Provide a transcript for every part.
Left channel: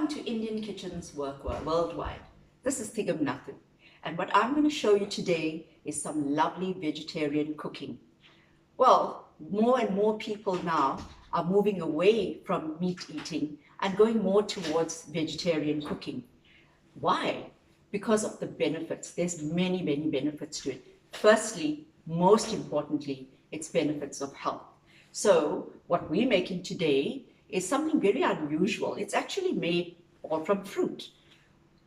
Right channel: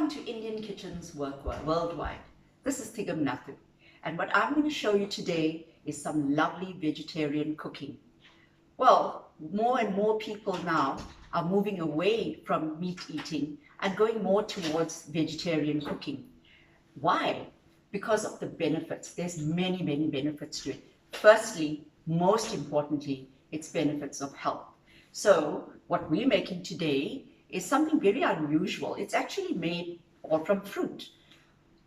Welcome to Indian Kitchens Worldwide. This is Thigam Nathoo, and what I'm going to show you today is some lovely vegetarian cooking. Well, more and more people now are moving away from meat eating and going more towards vegetarian cooking. Why? Because of the benefits. There's many benefits to it. Firstly, most importantly, it's benefits of health. So what we're making today is something very unusual. It's actually made all from fruit.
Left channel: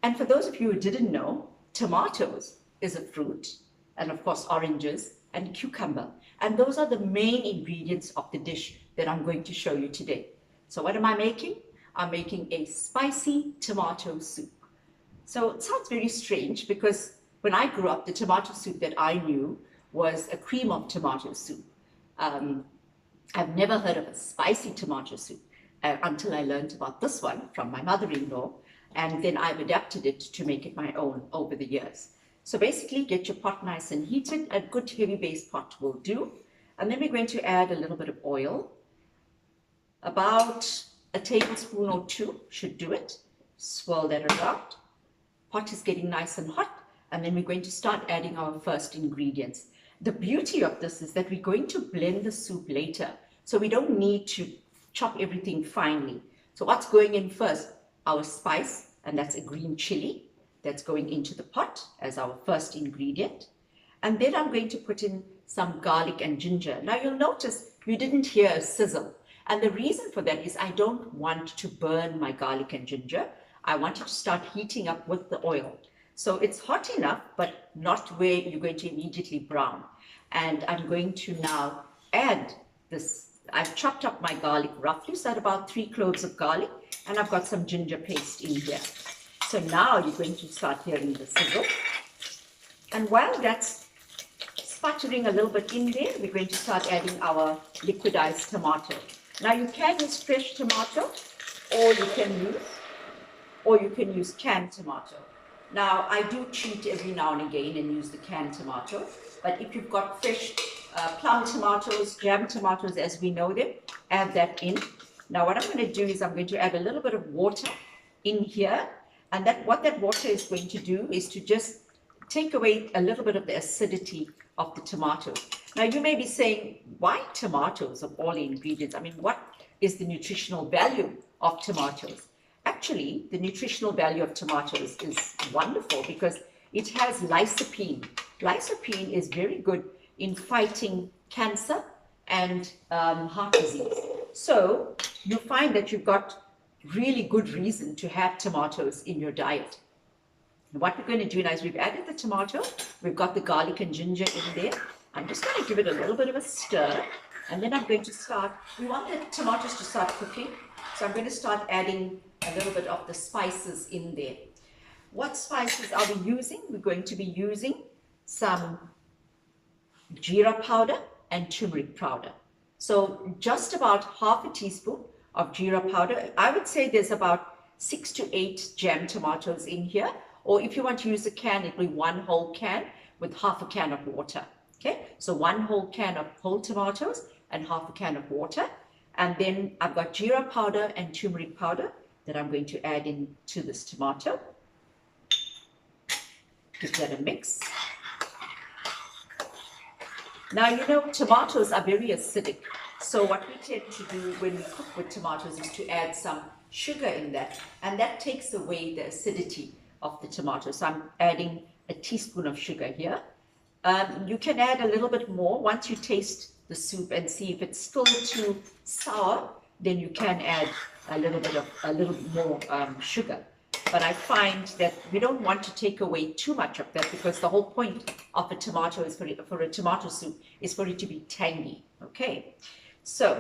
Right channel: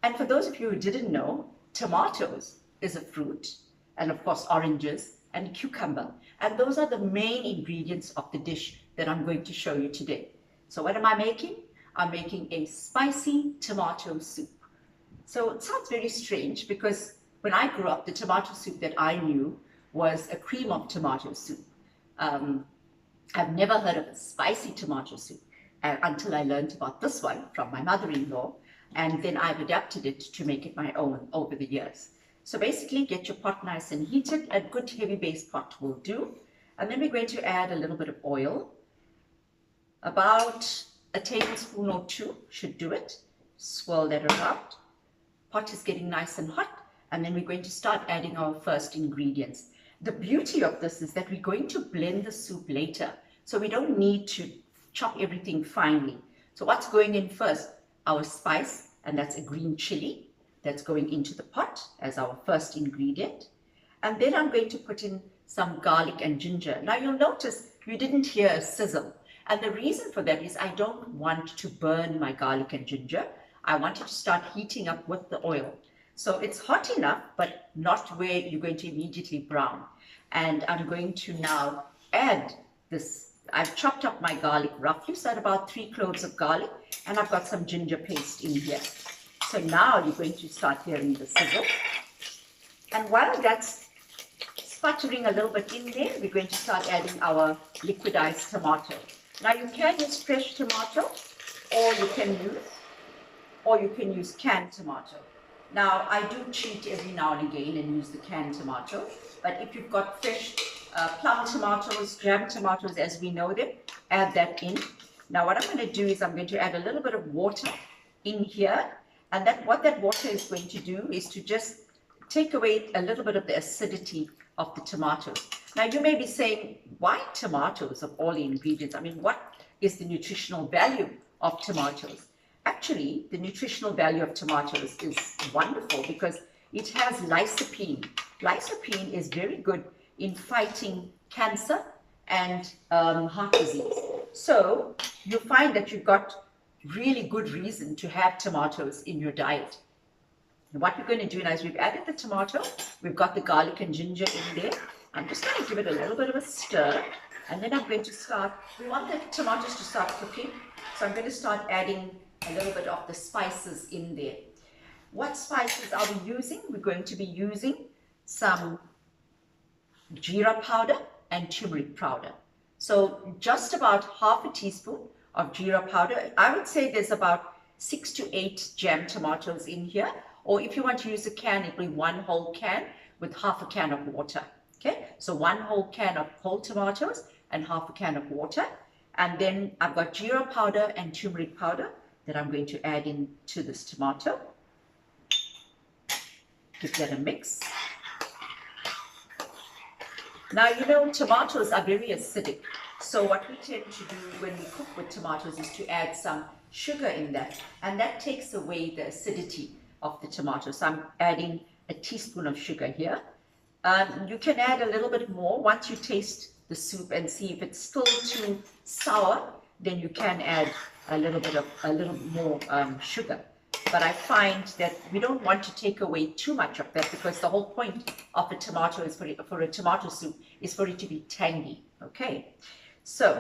And for those of you who didn't know, tomatoes is a fruit, and of course oranges and cucumber. And those are the main ingredients of the dish that I'm going to show you today. So what am I making? I'm making a spicy tomato soup. So it sounds very strange because when I grew up, the tomato soup that I knew was a cream of tomato soup. I've never heard of a spicy tomato soup until I learned about this one from my mother-in-law, and then I've adapted it to make it my own over the years. So basically, get your pot nice and heated. A good heavy base pot will do. And then we're going to add a little bit of oil. About a tablespoon or two should do it. Swirl that around. Pot is getting nice and hot. And then we're going to start adding our first ingredients. The beauty of this is that we're going to blend the soup later. So we don't need to chop everything finely. So what's going in first? Our spice, and that's a green chili. That's going into the pot as our first ingredient. And then I'm going to put in some garlic and ginger. Now you'll notice you didn't hear a sizzle. And the reason for that is I don't want to burn my garlic and ginger. I want it to start heating up with the oil. So it's hot enough, but not where you're going to immediately brown. And I'm going to now add this. I've chopped up my garlic roughly, so at about 3 cloves of garlic, and I've got some ginger paste in here. So now you're going to start hearing the sizzle. And while that's sputtering a little bit in there, we're going to start adding our liquidized tomato. Now you can use fresh tomato, or you can use canned tomato. Now I do cheat every now and again and use the canned tomato, but if you've got fresh plum tomatoes, jam tomatoes as we know them, add that in. Now what I'm going to do is I'm going to add a little bit of water in here, and what that water is going to do is to just take away a little bit of the acidity of the tomatoes. Now you may be saying, why tomatoes of all the ingredients? I mean, what is the nutritional value of tomatoes? Actually, the nutritional value of tomatoes is wonderful because it has lycopene. Lycopene is very good in fighting cancer and heart disease. So you find that you've got really good reason to have tomatoes in your diet. And what we're going to do now is we've added the tomato, we've got the garlic and ginger in there. I'm just going to give it a little bit of a stir, and then I'm going to start, we want the tomatoes to start cooking, so I'm going to start adding a little bit of the spices in there. What spices are we using? We're going to be using some jeera powder and turmeric powder. So just about half a teaspoon of jeera powder. I would say there's about 6 to 8 jam tomatoes in here, or if you want to use a can, it'll be 1 whole can with half a can of water. Okay, so 1 whole can of whole tomatoes and half a can of water. And then I've got jeera powder and turmeric powder that I'm going to add into this tomato. Give that a mix. Now, you know, tomatoes are very acidic. So what we tend to do when we cook with tomatoes is to add some sugar in that. And that takes away the acidity of the tomato. So I'm adding a teaspoon of sugar here. You can add a little bit more once you taste the soup and see if it's still too sour, then you can add a little more sugar. But I find that we don't want to take away too much of that because the whole point of a tomato is for a tomato soup is for it to be tangy. Okay, so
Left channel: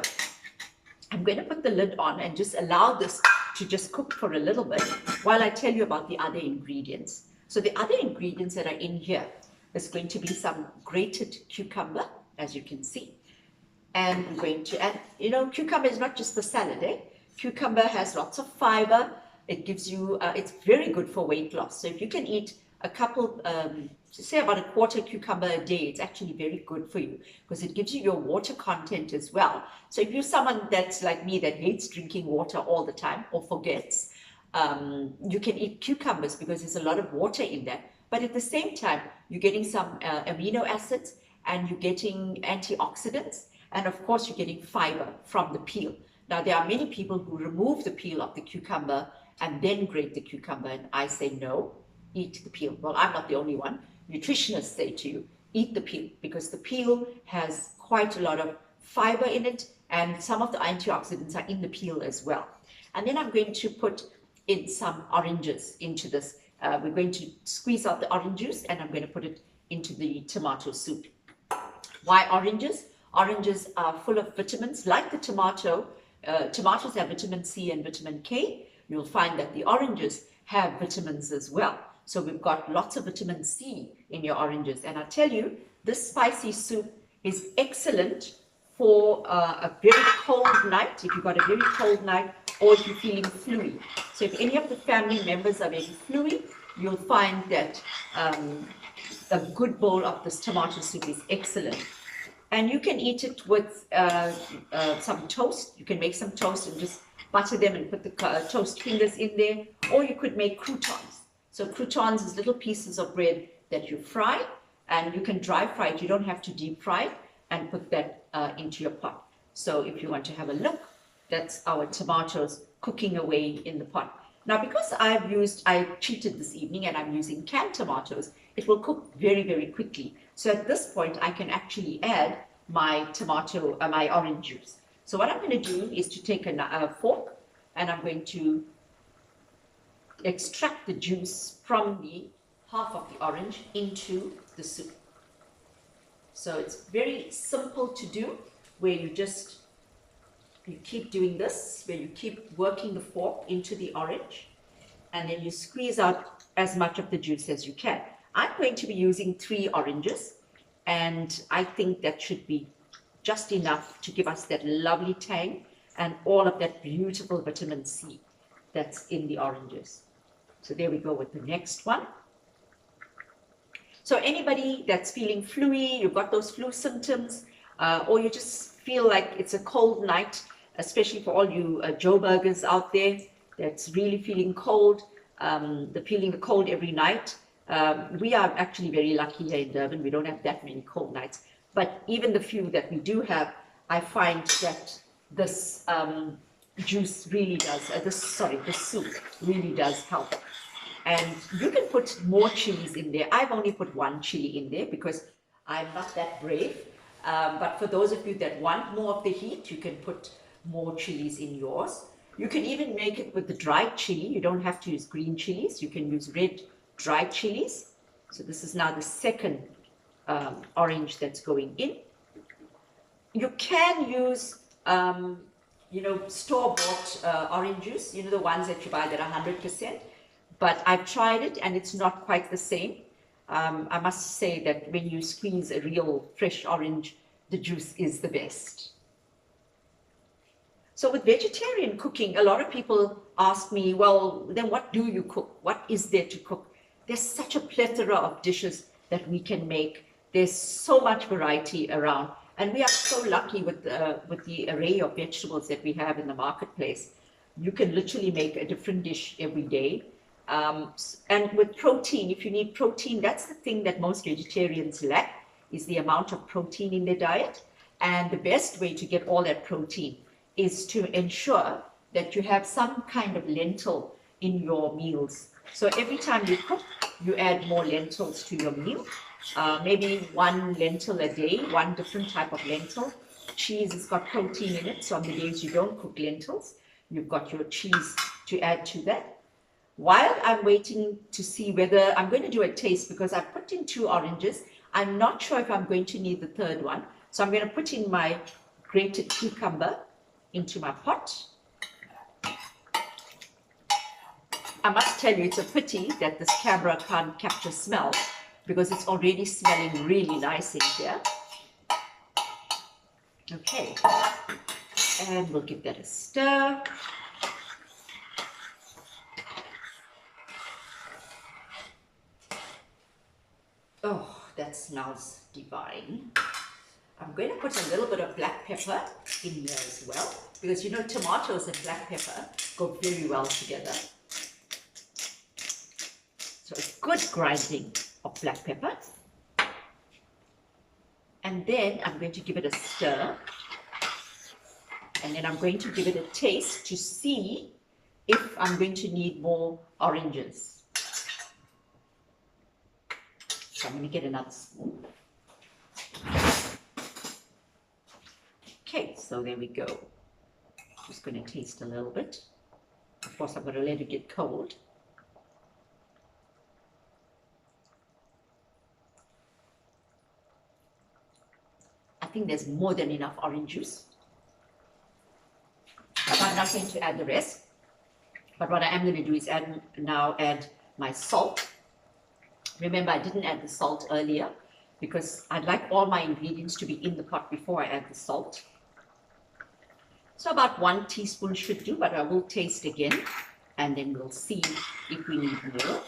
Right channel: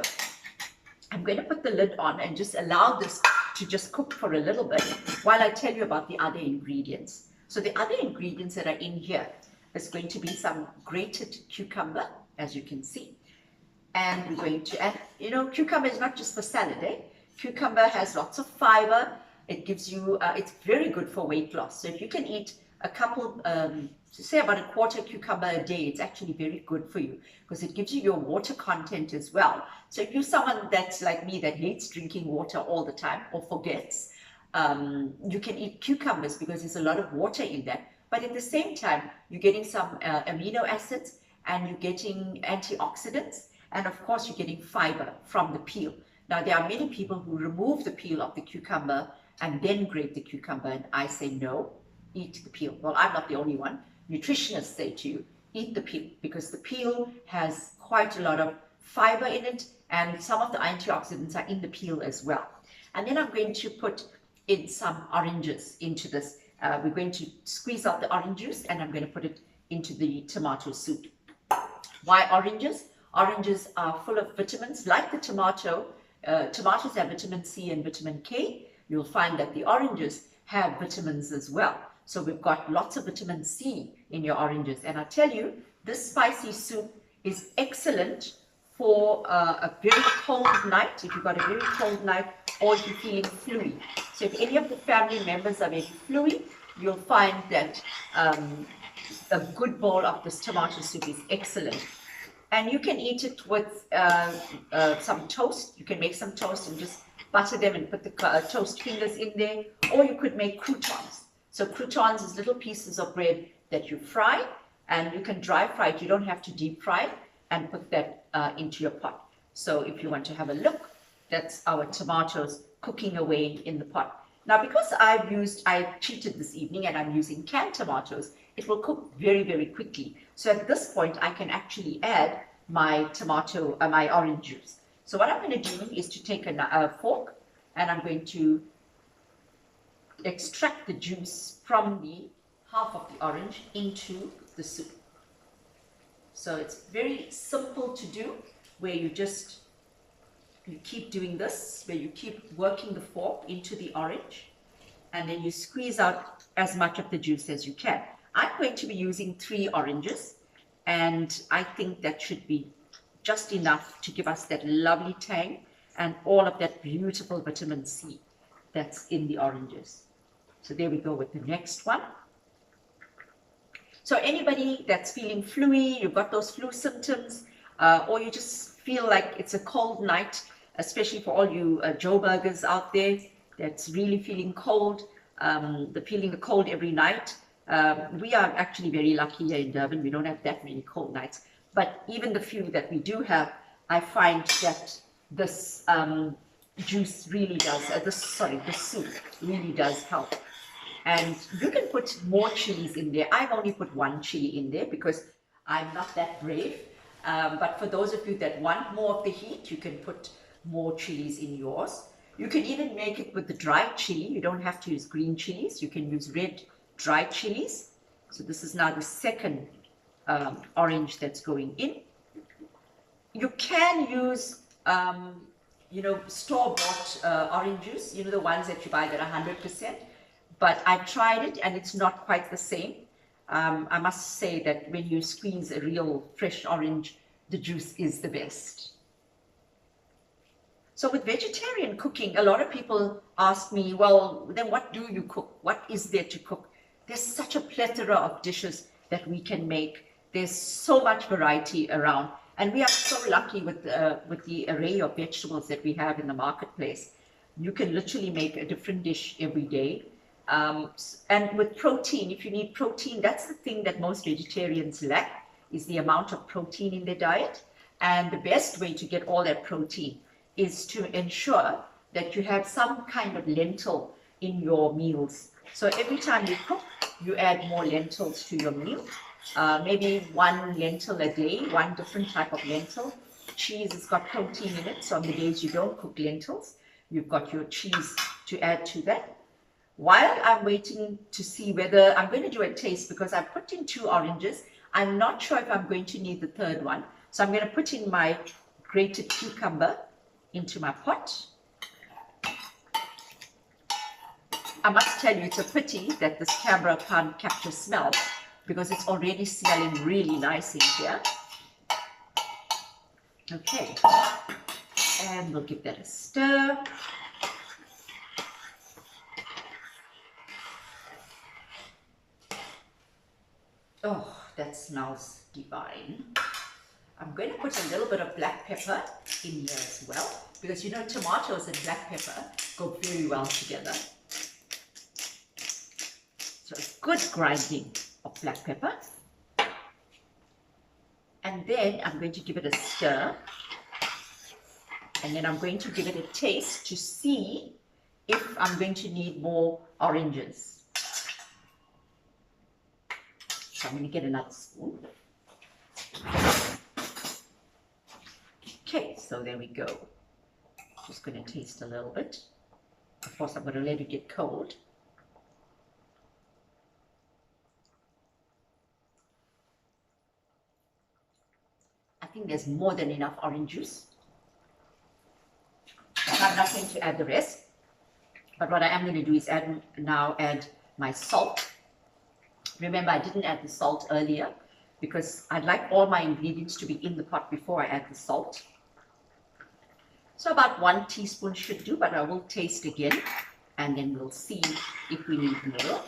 I'm going to put the lid on and just allow this to just cook for a little bit while I tell you about the other ingredients. So the other ingredients that are in here is going to be some grated cucumber, as you can see. And we're going to add, you know, cucumber is not just for salad, eh? Cucumber has lots of fiber. It gives you, it's very good for weight loss. So if you can eat a couple, say about a quarter cucumber a day, it's actually very good for you because it gives you your water content as well. So if you're someone that's like me that hates drinking water all the time or forgets, You can eat cucumbers because there's a lot of water in that. But at the same time, you're getting some amino acids and you're getting antioxidants. And of course, you're getting fiber from the peel. Now, there are many people who remove the peel of the cucumber and then grate the cucumber. And I say, no, eat the peel. Well, I'm not the only one. Nutritionists say to you, eat the peel because the peel has quite a lot of fiber in it. And some of the antioxidants are in the peel as well. And then I'm going to put in some oranges into this. We're going to squeeze out the orange juice and I'm going to put it into the tomato soup. Why oranges? Oranges are full of vitamins like the tomato. Tomatoes have vitamin C and vitamin K. You'll find that the oranges have vitamins as well. So we've got lots of vitamin C in your oranges. And I tell you, this spicy soup is excellent for a very cold night, if you've got a very cold night, or if you're feeling fluey. So if any of the family members are very fluey, you'll find that a good bowl of this tomato soup is excellent. And you can eat it with some toast. You can make some toast and just butter them and put the toast fingers in there. Or you could make croutons. So croutons is little pieces of bread that you fry, and you can dry fry it. You don't have to deep fry it, and put that into your pot. So if you want to have a look, that's our tomatoes cooking away in the pot. Now, because I cheated this evening and I'm using canned tomatoes, it will cook very, very quickly. So at this point, I can actually add my my orange juice. So what I'm going to do is to take a fork and I'm going to extract the juice from the half of the orange into the soup. So it's very simple to do, where you keep doing this, where you keep working the fork into the orange, and then you squeeze out as much of the juice as you can. I'm going to be using 3 oranges, and I think that should be just enough to give us that lovely tang and all of that beautiful vitamin C that's in the oranges. So there we go with the next one. So anybody that's feeling fluey, you've got those flu symptoms, or you just feel like it's a cold night, especially for all you Joburgers out there that's really feeling cold, feeling the cold every night. We are actually very lucky here in Durban. We don't have that many cold nights. But even the few that we do have, I find that this juice really does, this soup really does help. And you can put more chilies in there. I've only put 1 chili in there because I'm not that brave. But for those of you that want more of the heat, you can put more chilies in yours. You can even make it with the dried chili. You don't have to use green chilies. You can use red dried chilies. So this is now the second orange that's going in. You can use, store-bought orange juice, the ones that you buy that are 100%. But I've tried it and it's not quite the same. I must say that when you squeeze a real fresh orange, the juice is the best. So with vegetarian cooking, a lot of people ask me, well, then what do you cook? What is there to cook? There's such a plethora of dishes that we can make. There's so much variety around. And we are so lucky with the array of vegetables that we have in the marketplace. You can literally make a different dish every day. And with protein, if you need protein, that's the thing that most vegetarians lack, is the amount of protein in their diet. And the best way to get all that protein is to ensure that you have some kind of lentil in your meals. So every time you cook, you add more lentils to your meal. Maybe 1 lentil a day, 1 different type of lentil. Cheese has got protein in it, so on the days you don't cook lentils, you've got your cheese to add to that. While I'm waiting to see whether, I'm going to do a taste because I've put in 2 oranges. I'm not sure if I'm going to need the 3rd one. So I'm going to put in my grated cucumber into my pot. I must tell you, it's a pity that this camera can't capture smell because it's already smelling really nice in here. Okay, and we'll give that a stir. Oh, that smells divine. I'm going to put a little bit of black pepper in there as well, because tomatoes and black pepper go very well together. So a good grinding of black pepper. And then I'm going to give it a stir. And then I'm going to give it a taste to see if I'm going to need more oranges. So I'm going to get another spoon. Okay, so there we go. Just going to taste a little bit. Of course, I'm going to let it get cold. I think there's more than enough orange juice. I'm not going to add the rest. But what I am going to do is add my salt. Remember, I didn't add the salt earlier because I'd like all my ingredients to be in the pot before I add the salt. So about 1 teaspoon should do, but I will taste again and then we'll see if we need more.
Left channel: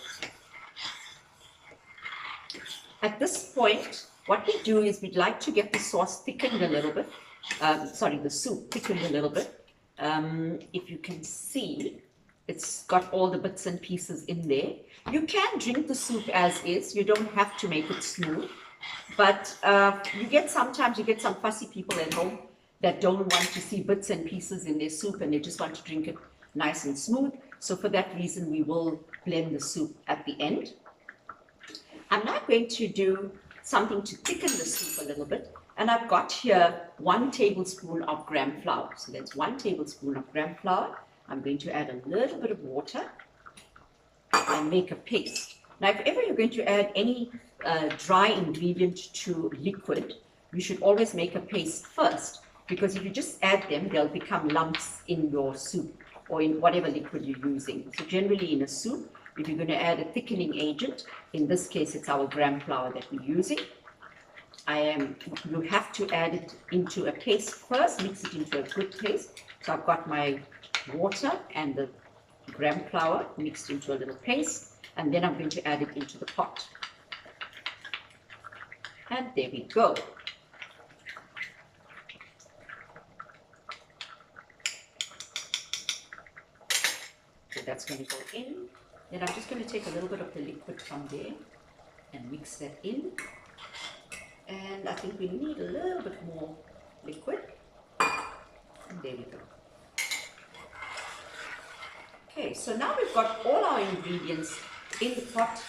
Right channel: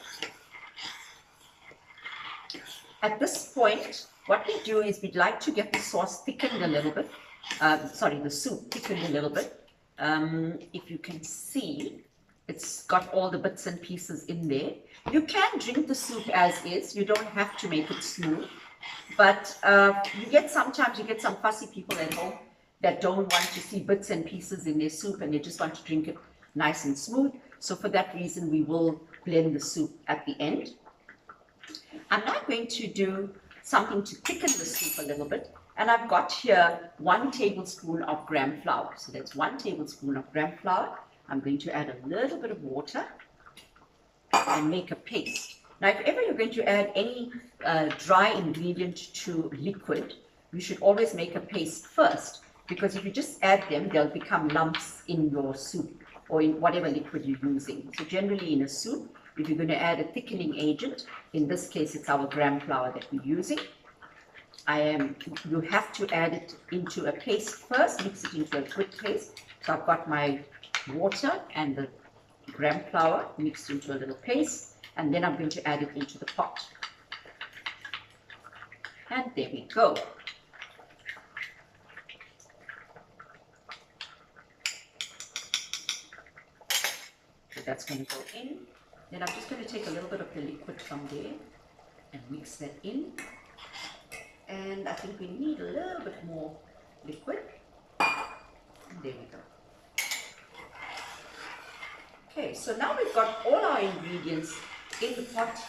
At this point, what we do is we'd like to get the sauce thickened a little bit. The soup thickened a little bit. If you can see, it's got all the bits and pieces in there. You can drink the soup as is. You don't have to make it smooth. But sometimes you get some fussy people at home that don't want to see bits and pieces in their soup and they just want to drink it nice and smooth. So for that reason, we will blend the soup at the end. I'm now going to do something to thicken the soup a little bit. And I've got here 1 tablespoon of gram flour. So that's 1 tablespoon of gram flour. I'm going to add a little bit of water and make a paste. Now, if ever you're going to add any dry ingredient to liquid, you should always make a paste first, because if you just add them, they'll become lumps in your soup or in whatever liquid you're using. So generally in a soup, if you're going to add a thickening agent, in this case it's our gram flour that we're using, you have to add it into a paste first, mix it into a good paste. So I've got my water and the gram flour mixed into a little paste, and then I'm going to add it into the pot. And there we go. So that's going to go in. Then I'm just going to take a little bit of the liquid from there and mix that in. And I think we need a little bit more liquid. And there we go. Okay, so now we've got all our ingredients in the pot.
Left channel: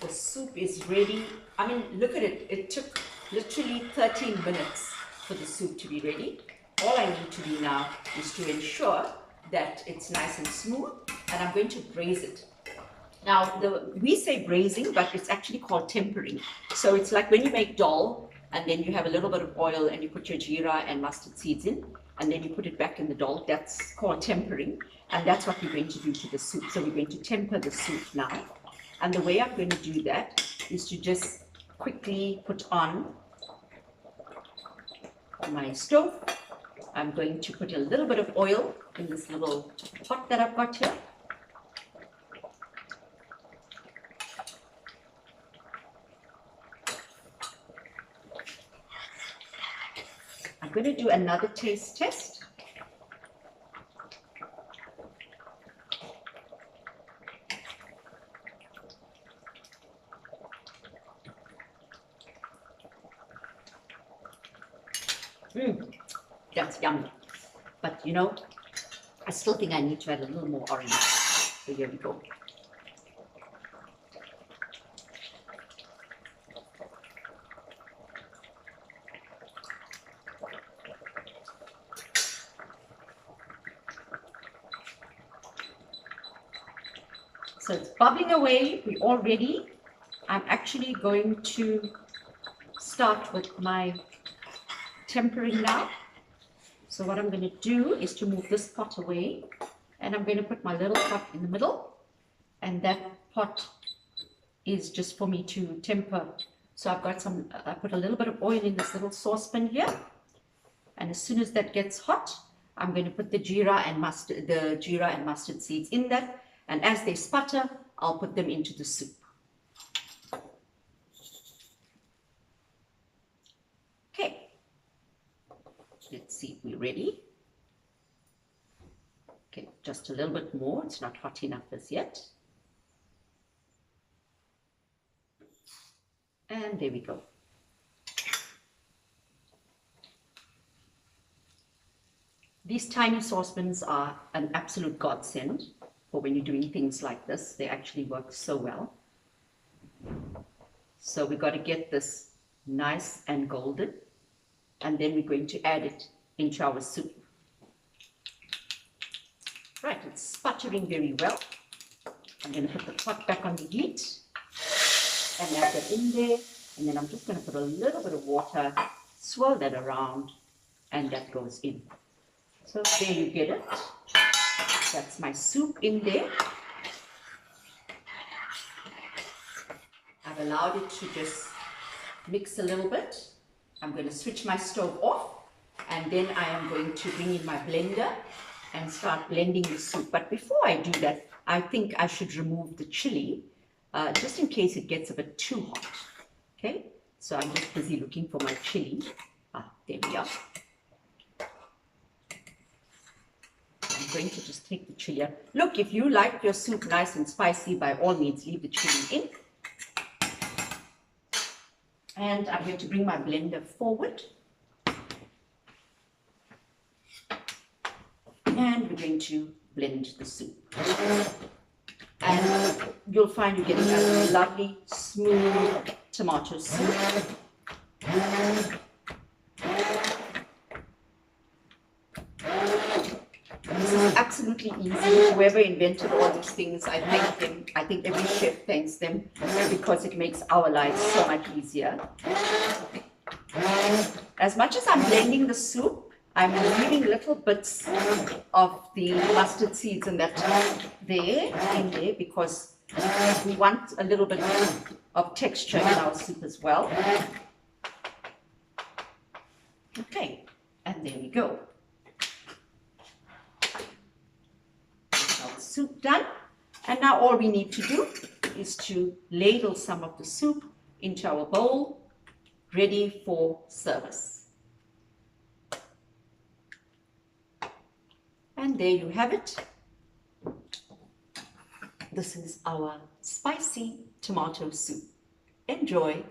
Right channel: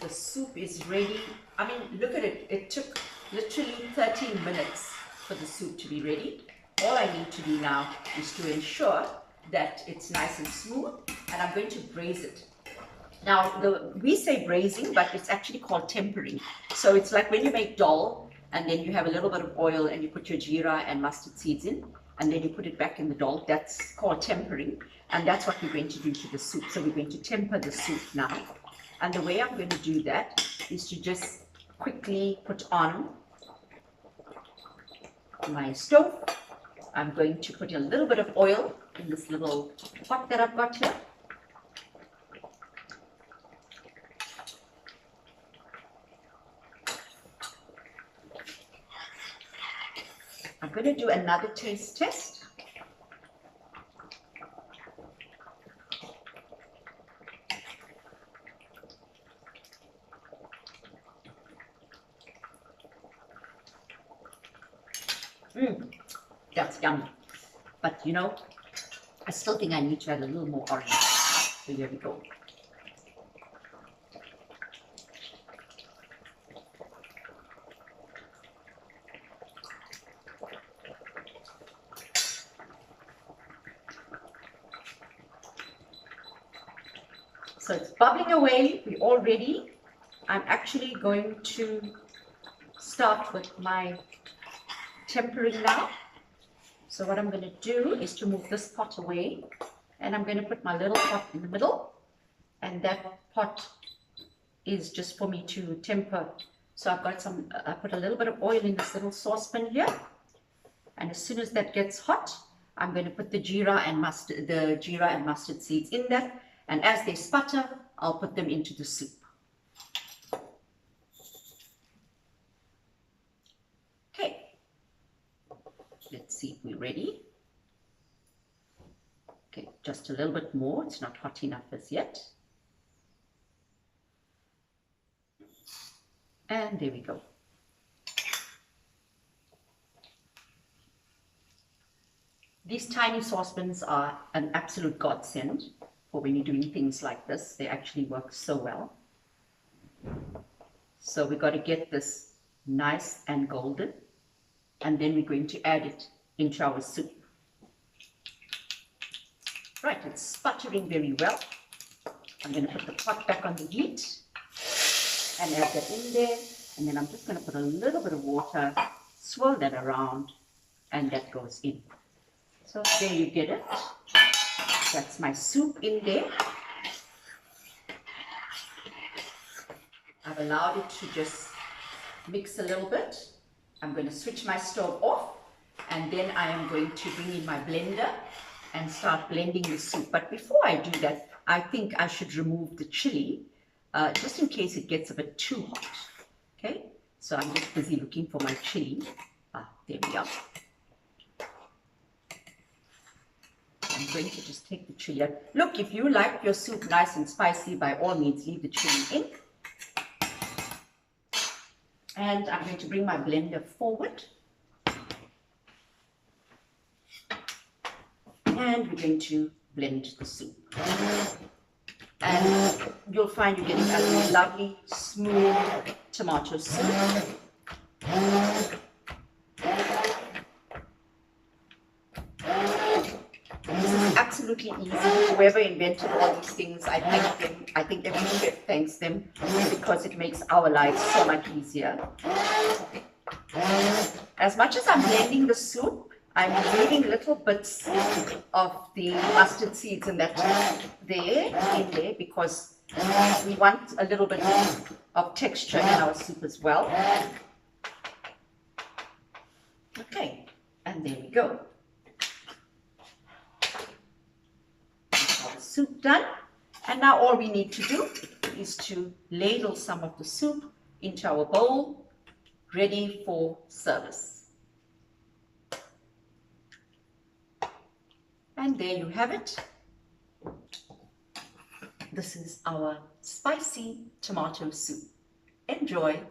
The soup is ready. I mean, look at it. It took literally 13 minutes for the soup to be ready. All I need to do now is to ensure that it's nice and smooth, and I'm going to braise it. Now, we say braising, but it's actually called tempering. So it's like when you make dal, and then you have a little bit of oil, and you put your jeera and mustard seeds in, and then you put it back in the dal. That's called tempering, and that's what we're going to do to the soup. So we're going to temper the soup now. And the way I'm going to do that is to just quickly put on my stove. I'm going to put a little bit of oil in this little pot that I've got here. I'm going to do another taste test. That's yummy. But you know, I still think I need to add a little more orange. So here we go. So it's bubbling away. We're all ready. I'm actually going to start with my tempering now. So what I'm going to do is to move this pot away, and I'm going to put my little pot in the middle, and that pot is just for me to temper. So I've got I put a little bit of oil in this little saucepan here, and as soon as that gets hot, I'm going to put the jeera and mustard seeds in that, and as they sputter, I'll put them into the soup. Okay, let's see if we're ready. Okay, just a little bit more. It's not hot enough as yet. And there we go. These tiny saucepans are an absolute godsend for when you're doing things like this. They actually work so well. So we've got to get this nice and golden, and then we're going to add it into our soup. Right, it's sputtering very well. I'm going to put the pot back on the heat and add that in there, and then I'm just going to put a little bit of water, swirl that around, and that goes in. So there you get it. That's my soup in there. I've allowed it to just mix a little bit. I'm going to switch my stove off, and then I am going to bring in my blender and start blending the soup. But before I do that, I think I should remove the chili, just in case it gets a bit too hot. Okay, so I'm just busy looking for my chili. There we are. I'm going to just take the chili out. Look, if you like your soup nice and spicy, by all means, leave the chili in. And I'm going to bring my blender forward. And we're going to blend the soup. And you'll find you get a lovely, smooth tomato soup. This is absolutely easy. Whoever invented all these things, I thank them. I think every chef thanks them because it makes our lives so much easier. As much as I'm blending the soup, I'm leaving little bits of the mustard seeds and that in there because we want a little bit of texture in our soup as well. Okay, and there we go. Our soup done, and now all we need to do is to ladle some of the soup into our bowl, ready for service. And there you have it. This is our spicy tomato soup. Enjoy.